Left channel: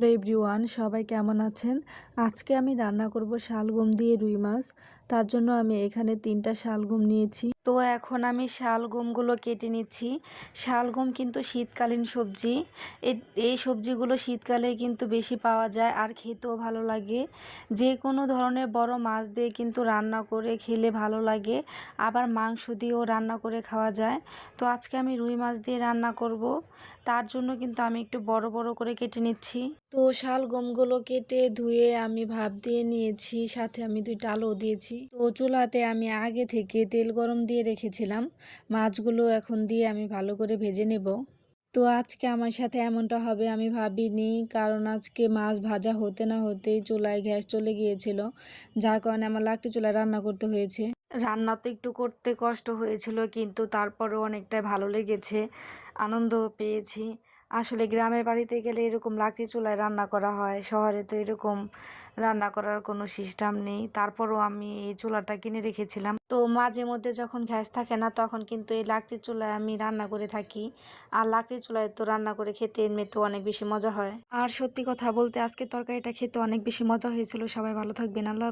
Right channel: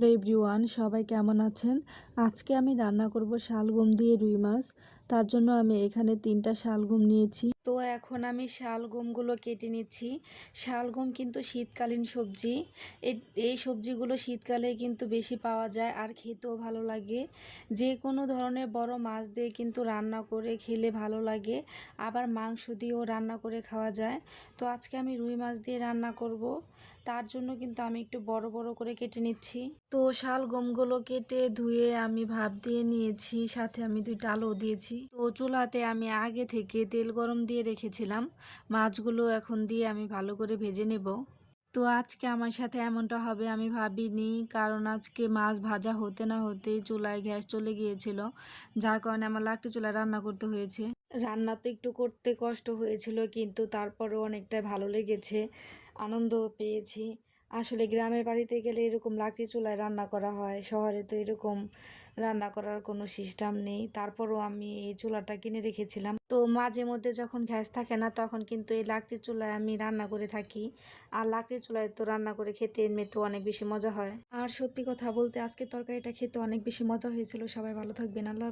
Hello everyone, সবাই কেমন আছেন? আজকে আমি রান্না করব শালগম দিয়ে রুই মাছ। তার জন্য আমি এখানে 3টা শালগম নিয়েছি। তো এখন আমি শালগমগুলো কেটে নিচ্ছি। শালগম কিন্তু শীতকালীন সবজি। এই সবজিগুলো শীতকালে কিন্তু বেশি পাওয়া যায় আর খেতেও ভালো লাগে। যে কোনো ধরনের বড় মাছ দিয়ে কিন্তু রান্না করে খেলে ভালো লাগে, আবার মাংস দিয়েও রান্না করে খাওয়া যায়। তো আজকে আমি রুই মাছ দিয়ে রান্না করব। তার জন্য কিন্তু আমি একটু বড় বড় করে কেটে নিচ্ছি। তো শালগমগুলো কেটে ধুয়ে আমি ভাপ দিয়ে নিয়েছি, সাথে আমি 2টা আলু দিয়েছি। তো চুলাতে আমি আগে থেকে তেল গরম দিয়ে রেখেছিলাম। মাছগুলো এখন দিয়ে আমি ভালো করে ভেজে নেব। তো আজকে আমার সাথে এমনটা হবে আমি ভাবিনি, কারণ আজকে মাছ ভাজা হতে না হতেই চুলায় গ্যাস চলে গিয়েছিল, যার কারণে আমার লাকড়ি চুলায় রান্না করতে হয়েছে। রান্না তো একটু করতে কষ্ট হয়েছিল, কিন্তু তারপরেও অনেকটাই ভালো লেগেছে, আনন্দ পেয়েছি। আসলে গ্রামের বাড়িতে গেলে এরকম লাকড়ি চুলায় রান্না করা হয়, শহরে তো এরকম রান্না করার কোনো সিস্টেম নেই। তারপরও আমি এই চুলাটা কিনে রেখেছিলাম। তো মাঝে মধ্যে যখন গ্যাস থাকে না, তখন কিন্তু এই লাকড়ি চুলায় আমি রান্না করে থাকি। আর লাকড়ি চুলায় তো রান্না করে খেতে এমনিতেও অনেক বেশি মজা হয়। আর সত্যি কথা বলতে আজকে তরকারিটা খেতে অনেক বেশি মজা হয়েছিল। সবাই ভালো থাকবেন। আল্লাহ।